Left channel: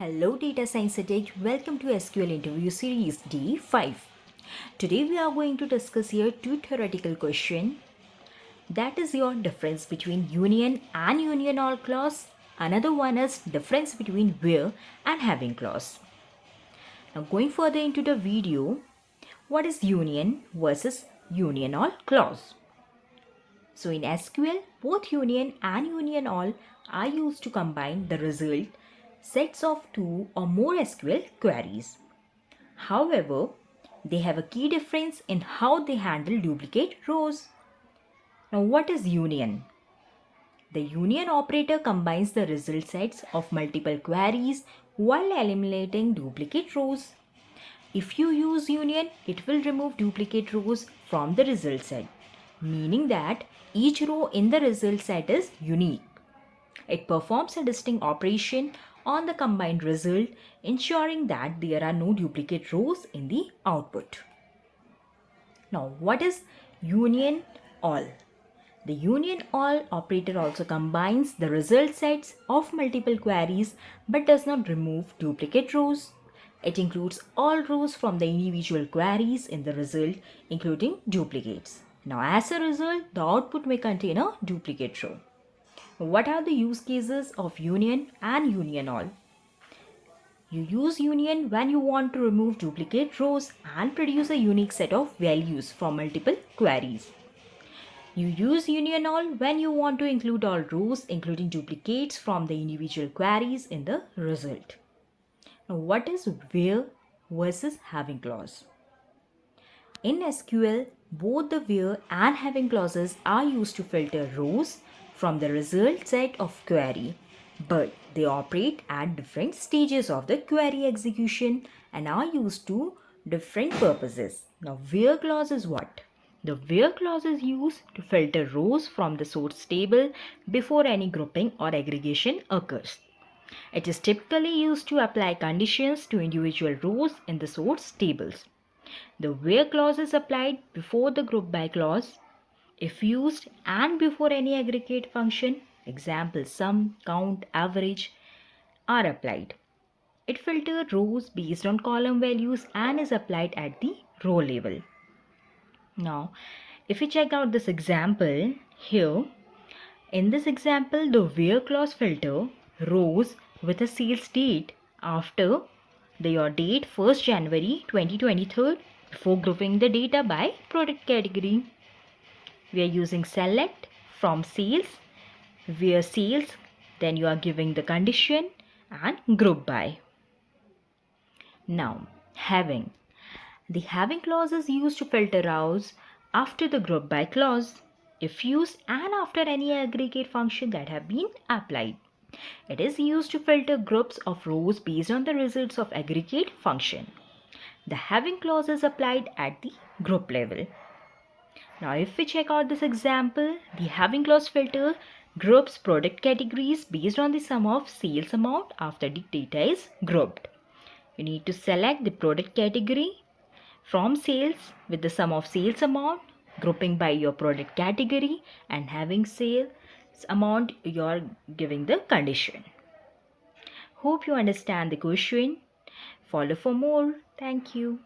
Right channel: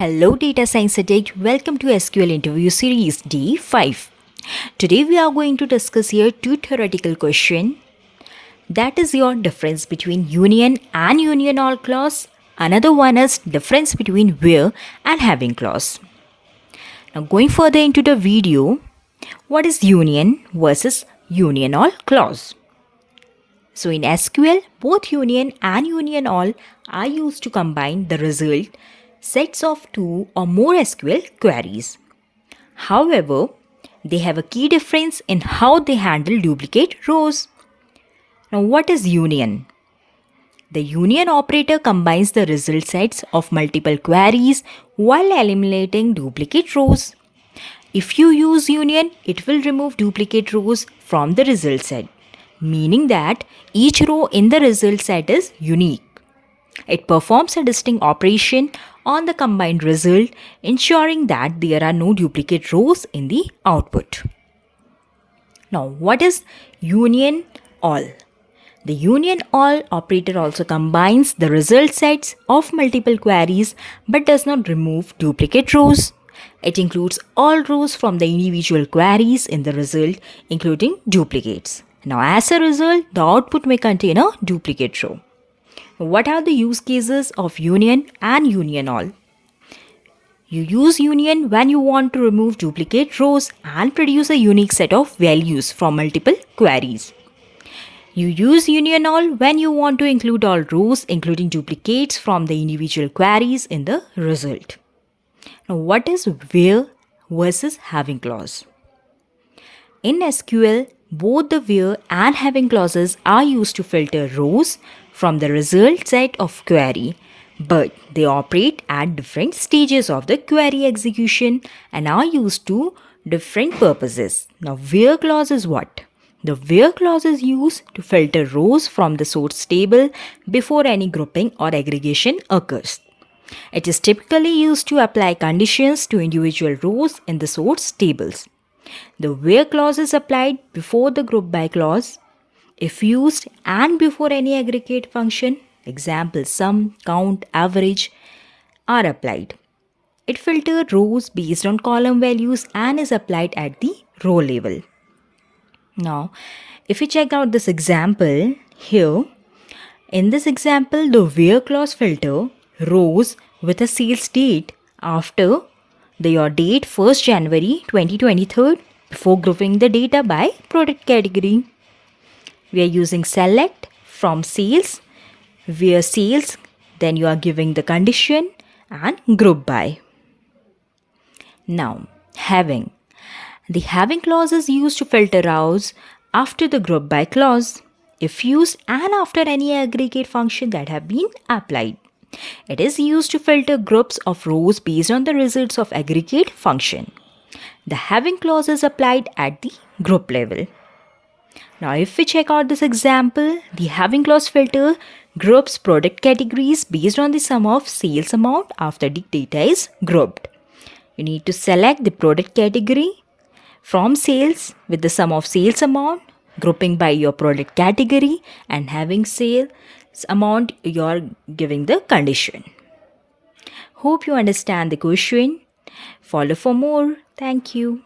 Hello Data Science Addict, welcome to SQL Interview Series D5. Today we are going to discuss here two theoretical questions. That is your difference between union and union all clause. Another one is difference between where and having clause. Now going further into the video, what is union versus union all clause? So in SQL, both union and union all are used to combine the result sets of two or more SQL queries. However, they have a key difference in how they handle duplicate rows. Now, what is union? The union operator combines the result sets of multiple queries while eliminating duplicate rows. If you use union, it will remove duplicate rows from the result set, meaning that each row in the result set is unique. It performs a distinct operation on the combined result, ensuring that there are no duplicate rows in the output. Now, what is union all? The union all operator also combines the result sets of multiple queries but does not remove duplicate rows. It includes all rows from the individual queries in the result, including duplicates. Now, as a result, the output may contain a duplicate row. What are the use cases of union and union all? You use union when you want to remove duplicate rows and produce a unique set of values from multiple queries. You use union all when you want to include all rows, including duplicates from the individual queries in the result. Now, what is where versus having clause? In SQL, both the where and having clauses are used to filter rows from the result set of query, but they operate at different stages of the query execution and are used to different purposes. Now, where clause is what? The where clause is used to filter rows from the source table before any grouping or aggregation occurs. It is typically used to apply conditions to individual rows in the source tables. The where clause is applied before the group by clause, if used, and before any aggregate function, example sum, count, average, are applied. It filters rows based on column values and is applied at the row level. Now, if we check out this example here, in this example, the where clause filter rows with a sales date after your date 1st January 2023 before grouping the data by product category. We are using select from sales, where sales, then you are giving the condition and group by. Now, having. The having clause is used to filter rows after the group by clause, if used and after any aggregate function that have been applied. It is used to filter groups of rows based on the results of aggregate function. The having clause is applied at the group level. Now, if we check out this example, the having clause filter groups product categories based on the sum of sales amount after the data is grouped. You need to select the product category from sales with the sum of sales amount, grouping by your product category, and having sales amount, you are giving the condition. Hope you understand the question. Follow for more. Thank you.